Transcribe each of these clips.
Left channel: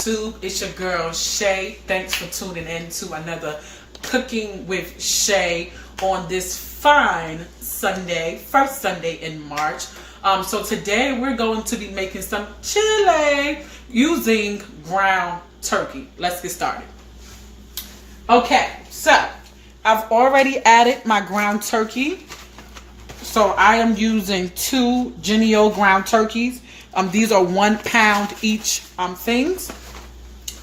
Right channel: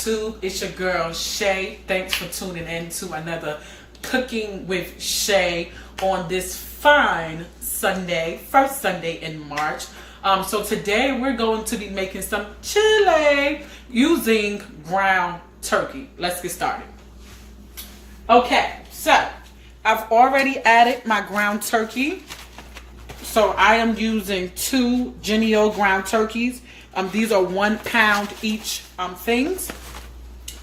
YouTube? It's your girl Shay. Thanks for tuning in to another Cooking with Shay on this fine Sunday, first Sunday in March. So today we're going to be making some chili using ground turkey. Let's get started. Okay, so I've already added my ground turkey. So I am using 2 Jennie-O ground turkeys. These are 1 pound each things.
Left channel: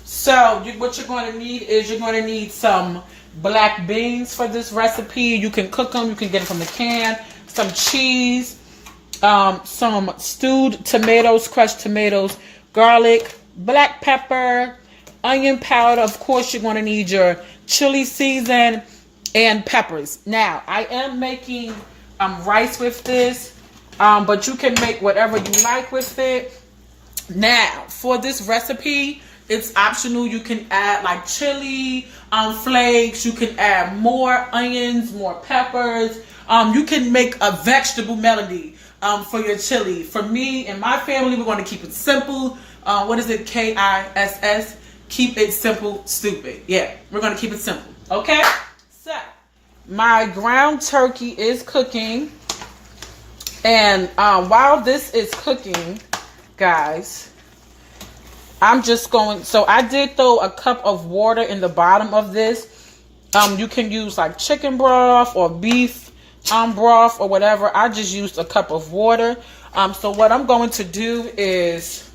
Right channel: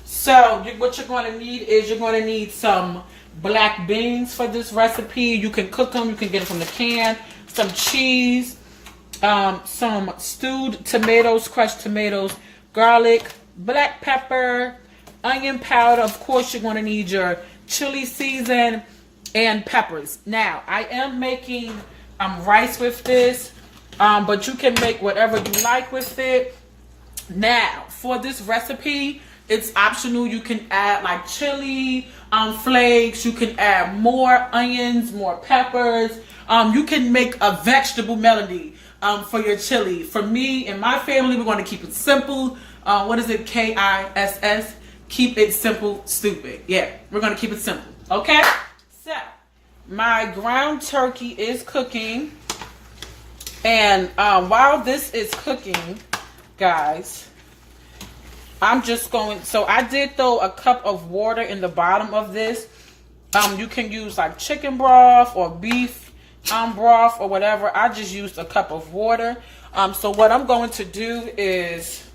So what you're going to need is you're going to need some black beans for this recipe. You can cook them. You can get them from the can. Some cheese, some stewed tomatoes, crushed tomatoes, garlic, black pepper, onion powder. Of course, you're going to need your chili season and peppers. Now, I am making rice with this. But you can make whatever you like with it. Now, for this recipe, it's optional. You can add like chili flakes. You can add more onions, more peppers. You can make a vegetable melody for your chili. For me and my family, we're going to keep it simple. What is it? KISS. Keep it simple, stupid. Yeah, we're going to keep it simple. Okay? So, my ground turkey is cooking. And while this is cooking, guys, I'm just going, so I did throw a cup of water in the bottom of this. You can use like chicken broth or beef broth or whatever. I just used a cup of water. So what I'm going to do is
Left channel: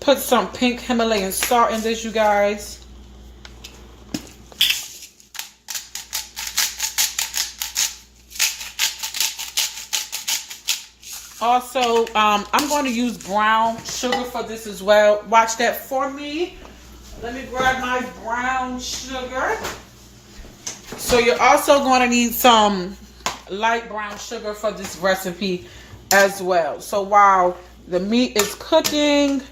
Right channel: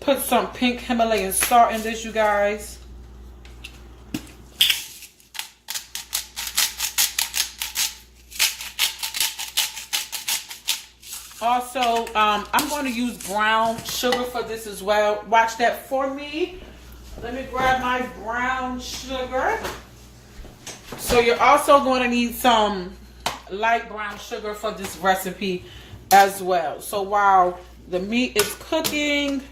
put some pink Himalayan salt in this, you guys. Also, I'm going to use brown sugar for this as well. Watch that for me. Let me grab my brown sugar. So you're also going to need some light brown sugar for this recipe as well. So while the meat is cooking,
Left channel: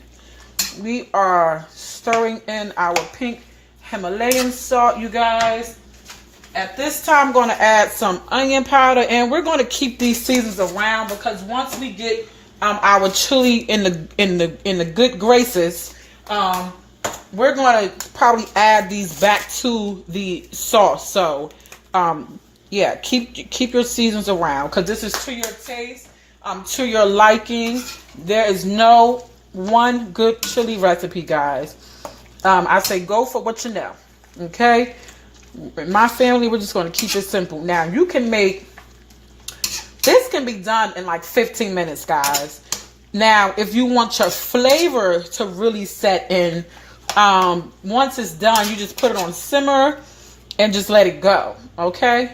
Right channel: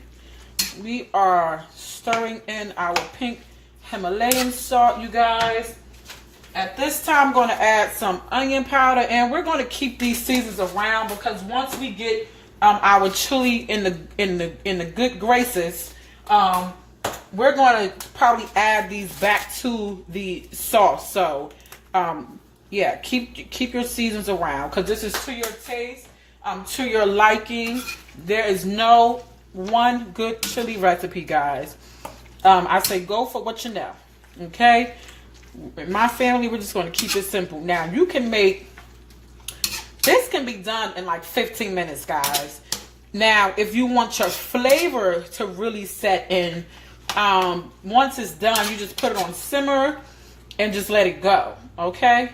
we are stirring in our pink Himalayan salt, you guys. At this time, I'm going to add some onion powder, and we're going to keep these seasons around because once we get our chili in the good graces, we're going to probably add these back to the sauce. So, yeah, keep your seasons around because this is to your taste, to your liking. There is no one good chili recipe, guys. I say go for what you know. Okay. In my family, we're just going to keep it simple. Now, you can make, this can be done in like 15 minutes, guys. Now, if you want your flavor to really set in, once it's done, you just put it on simmer and just let it go, okay?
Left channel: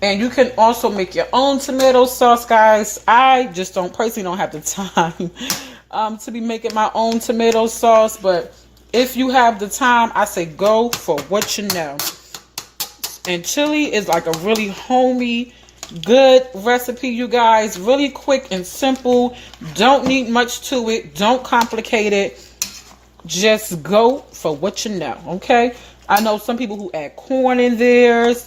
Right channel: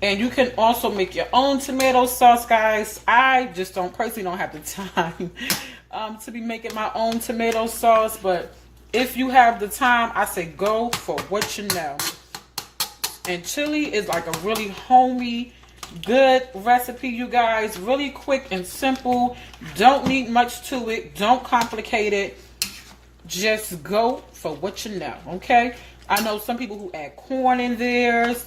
And you can also make your own tomato sauce, guys. I just personally don't have the time to be making my own tomato sauce, but if you have the time, I say go for what you know. And chili is like a really homey, good recipe, you guys. Really quick and simple. Don't need much to it. Don't complicate it. Just go for what you know, okay? I know some people who add corn in theirs.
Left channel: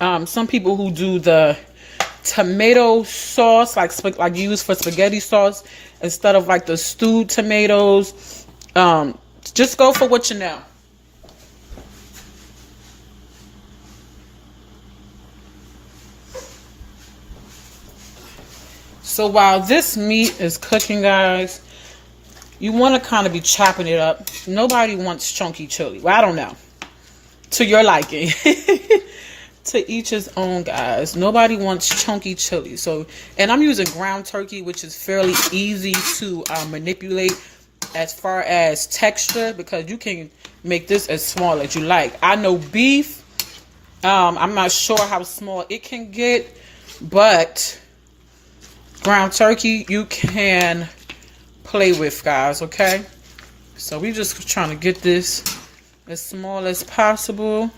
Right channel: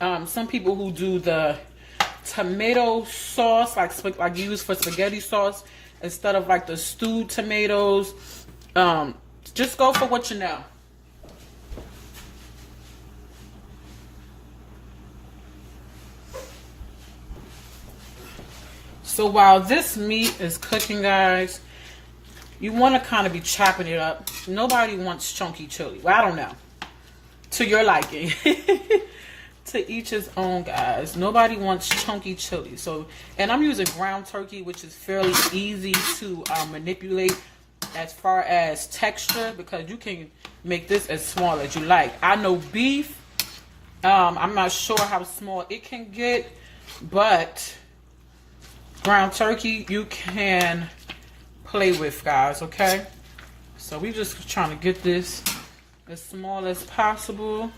Some people who do the tomato sauce, like use for spaghetti sauce, instead of like the stewed tomatoes. Just go for what you know. So while this meat is cooking, guys, you want to kind of be chopping it up. Nobody wants chunky chili. Well, I don't know. To your liking. To each his own, guys. Nobody wants chunky chili. So, and I'm using ground turkey, which is fairly easy to manipulate as far as texture, because you can make this as small as you like. I know beef, I'm not sure how small it can get, but ground turkey you can play with, guys, okay? So we just trying to get this as small as possible.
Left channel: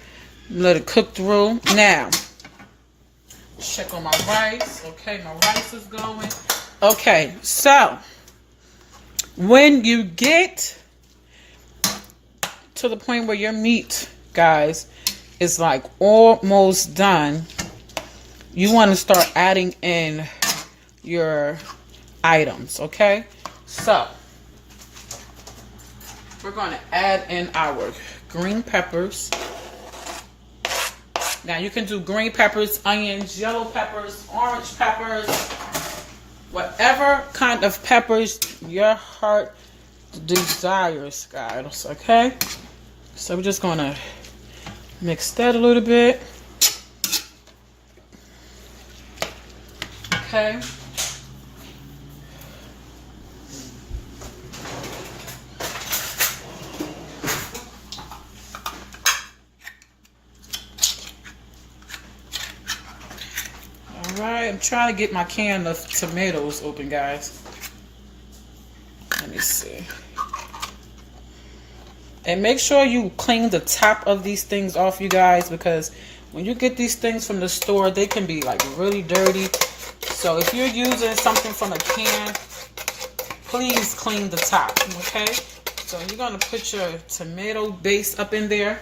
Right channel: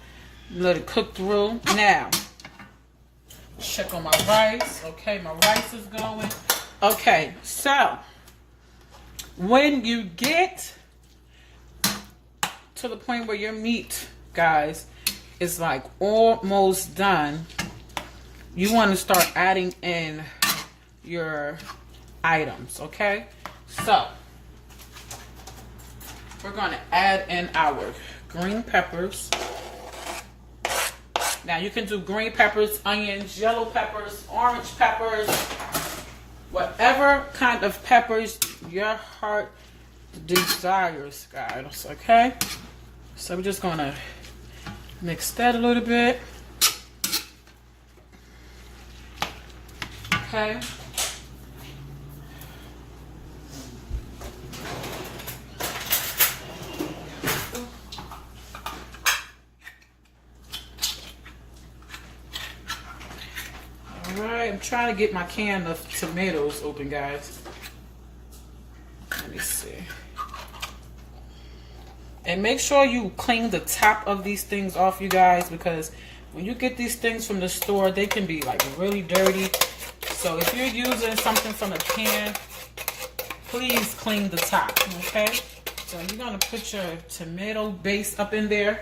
Let it cook through. Now, check on my rice. Okay, my rice is going. Okay, so when you get to the point where your meat, guys, is like almost done, you want to start adding in your items, okay? So we're going to add in our green peppers. Now you can do green peppers, onions, yellow peppers, orange peppers, whatever kind of peppers your heart desires, guys, okay? So we're just gonna mix that a little bit. Okay. Alright, I'm trying to get my can of tomatoes open, guys. Let me see. And make sure you clean the top of these things off, you guys, because when you get these things from the store, they can be like really dirty. So if you're using something from a can, please clean the top, okay? So you're gonna put your tomato base up in there.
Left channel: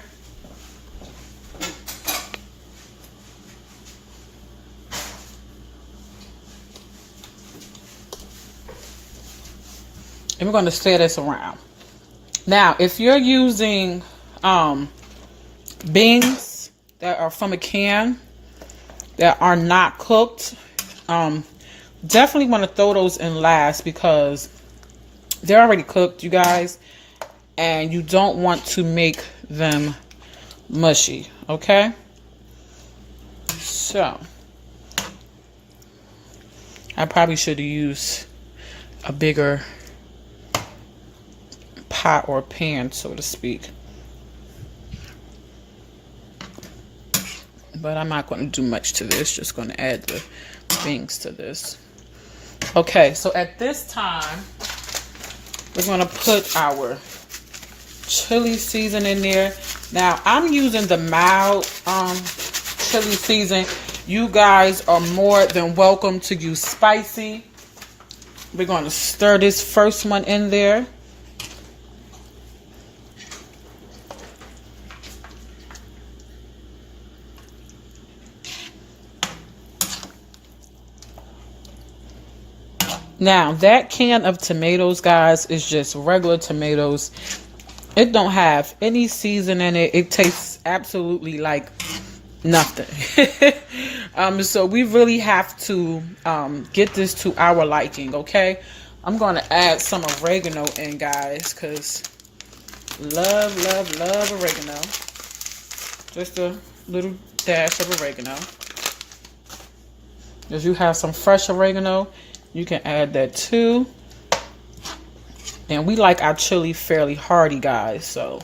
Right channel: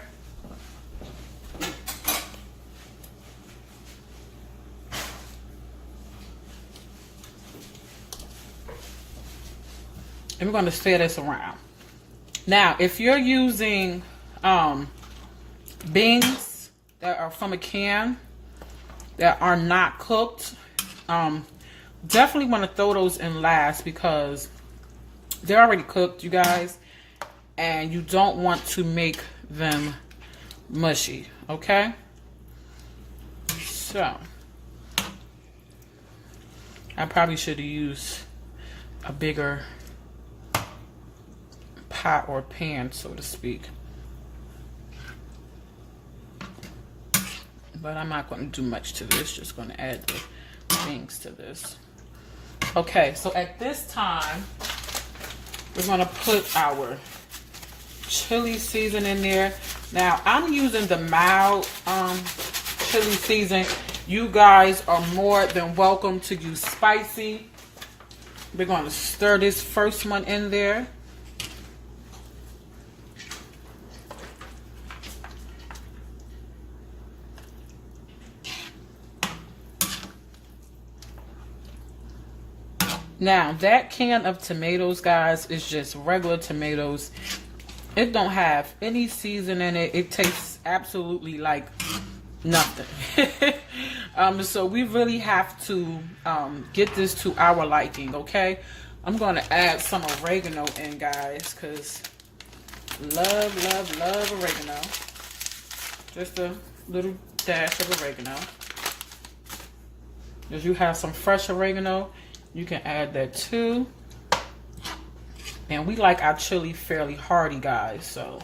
And we're gonna stir this around. Now, if you're using beans that are from a can that are not cooked, definitely want to throw those in last because they're already cooked, you guys, and you don't want to make them mushy, okay? So, I probably should have used a bigger pot or pan, so to speak. But I'm not going to do much to this, just going to add the beans to this. Okay, so at this time, we're going to put our chili season in there. Now, I'm using the mild chili season. You guys are more than welcome to use spicy. We're going to stir this first one in there. Now, that can of tomatoes, guys, is just regular tomatoes. It don't have any season in it. It tastes absolutely like nothing. So we really have to get this to our liking, okay? I'm going to add some oregano in, guys, because love, love, love oregano. Just a little dash of oregano. If you have some fresh oregano, you can add that too. And we like our chili fairly hearty, guys. So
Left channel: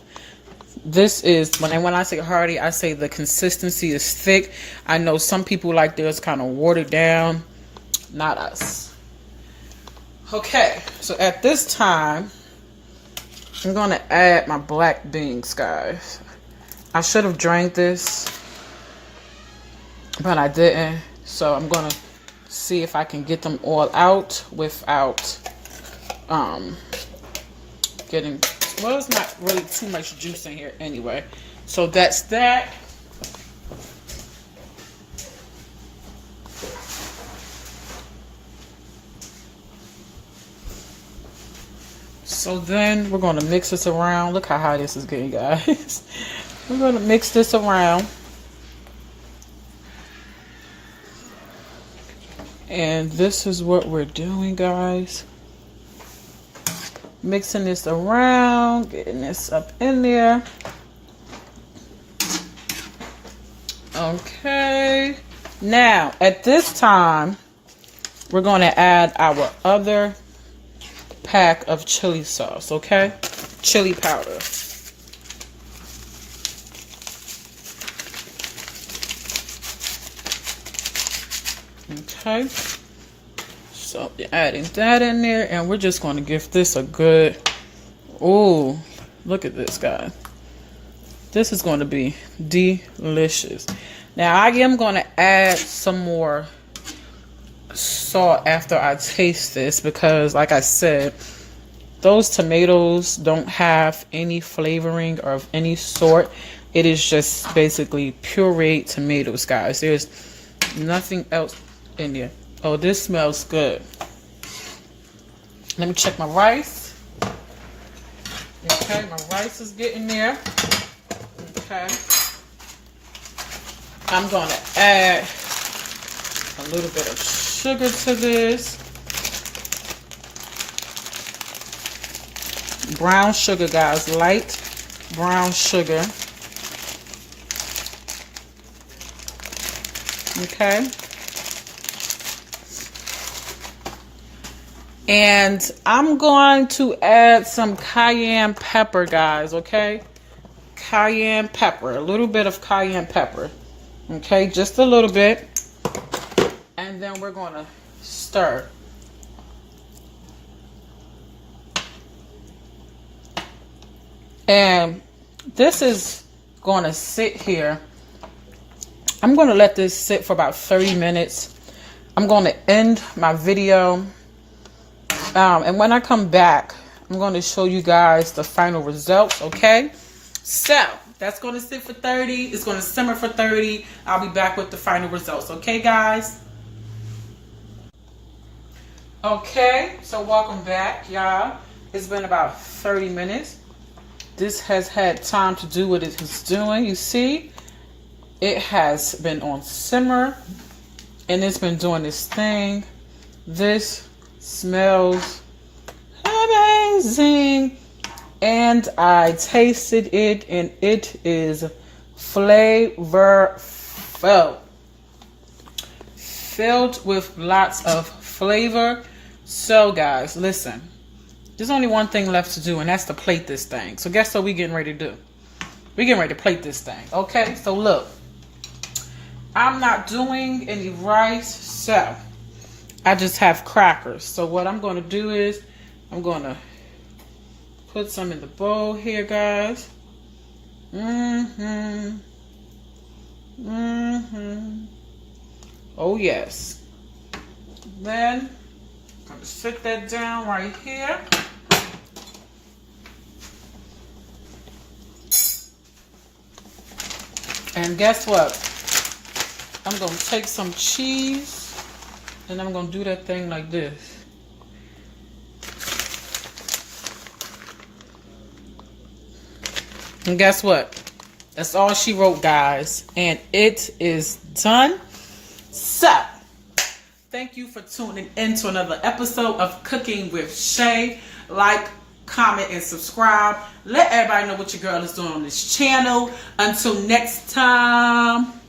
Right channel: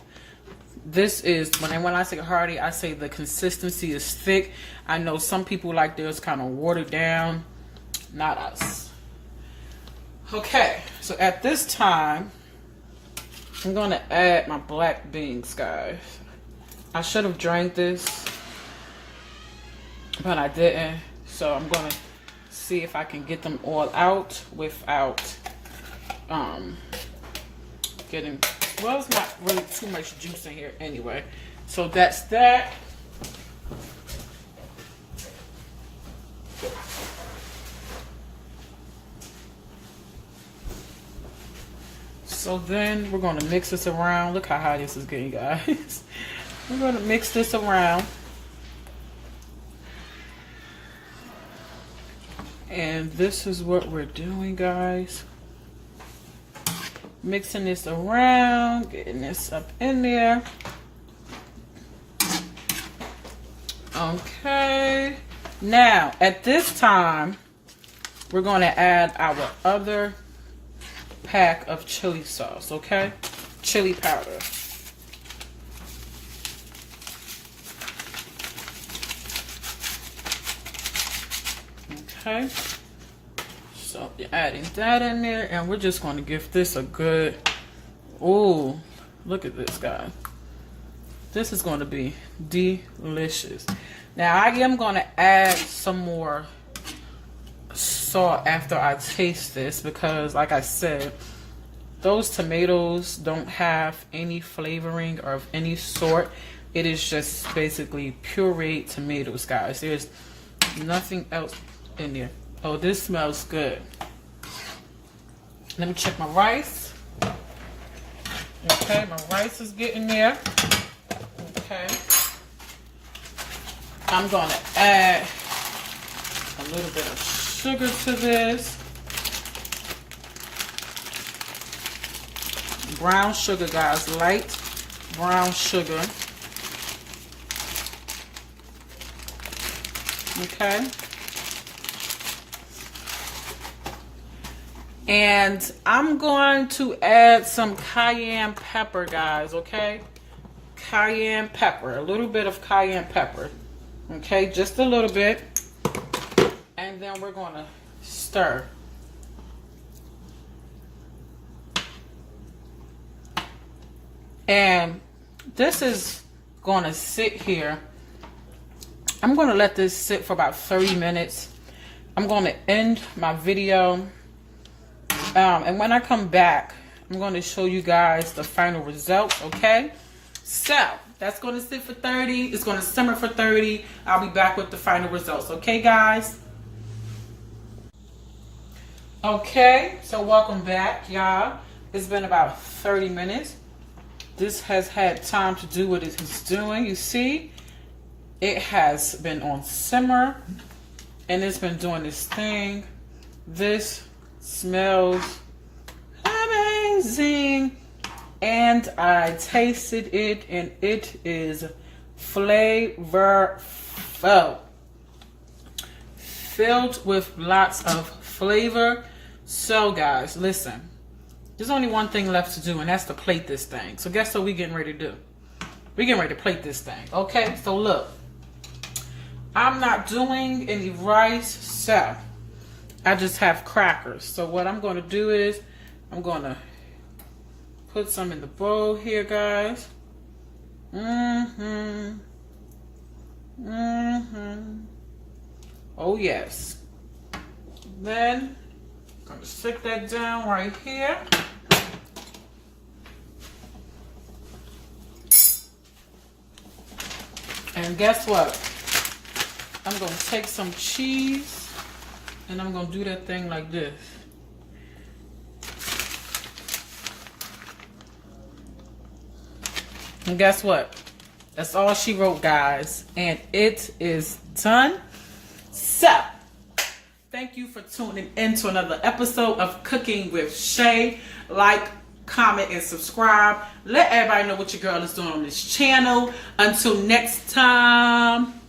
this is, when I say hearty, I say the consistency is thick. I know some people like theirs kind of watered down. Not us. Okay, so at this time, I'm going to add my black beans, guys. I should have drained this, but I didn't. So I'm going to see if I can get them all out without getting, well, it's not really too much juice in here anyway. So that's that. So then we're going to mix this around. Look how high this is getting, guys. We're going to mix this around. And this is what we're doing, guys. Mixing this around, getting this up in there. Okay. Now, at this time, we're going to add our other pack of chili sauce, okay? Chili powder. Okay, so you're adding that in there, and we're just going to give this a good, oh, look at this, guys. This is going to be delicious. Now, I am going to add some more salt after I taste this because, like I said, those tomatoes don't have any flavoring of any sort. It is just basically pureed tomatoes, guys. There's nothing else in there. Oh, this smells good. Let me check my rice. Okay, my rice is getting there. Okay. I'm going to add a little bit of sugar to this. Brown sugar, guys. Light brown sugar. Okay. And I'm going to add some cayenne pepper, guys, okay? Cayenne pepper, a little bit of cayenne pepper. Okay, just a little bit. And then we're going to stir. And this is going to sit here. I'm going to let this sit for about 30 minutes. I'm going to end my video. And when I come back, I'm going to show you guys the final results, okay? So, that's going to sit for 30. It's going to simmer for 30. I'll be back with the final results, okay, guys? Okay, so welcome back, y'all. It's been about 30 minutes. This has had time to do what it is doing. You see, it has been on simmer, and it's been doing this thing. This smells amazing, and I tasted it, and it is flavorful, filled with lots of flavor. So guys, listen, there's only one thing left to do, and that's to plate this thing. So guess what we getting ready to do? We're getting ready to plate this thing. Okay, so look, I'm not doing any rice, so I just have crackers. So what I'm going to do is I'm going to put some in the bowl here, guys. Oh, yes. Then I'm going to sit that down right here. And guess what? I'm going to take some cheese. And I'm going to do that thing like this. And guess what? That's all she wrote, guys. And it is done. So, thank you for tuning in to another episode of Cooking with Shay. Like, comment, and subscribe. Let everybody know what your girl is doing on this channel. Until next time.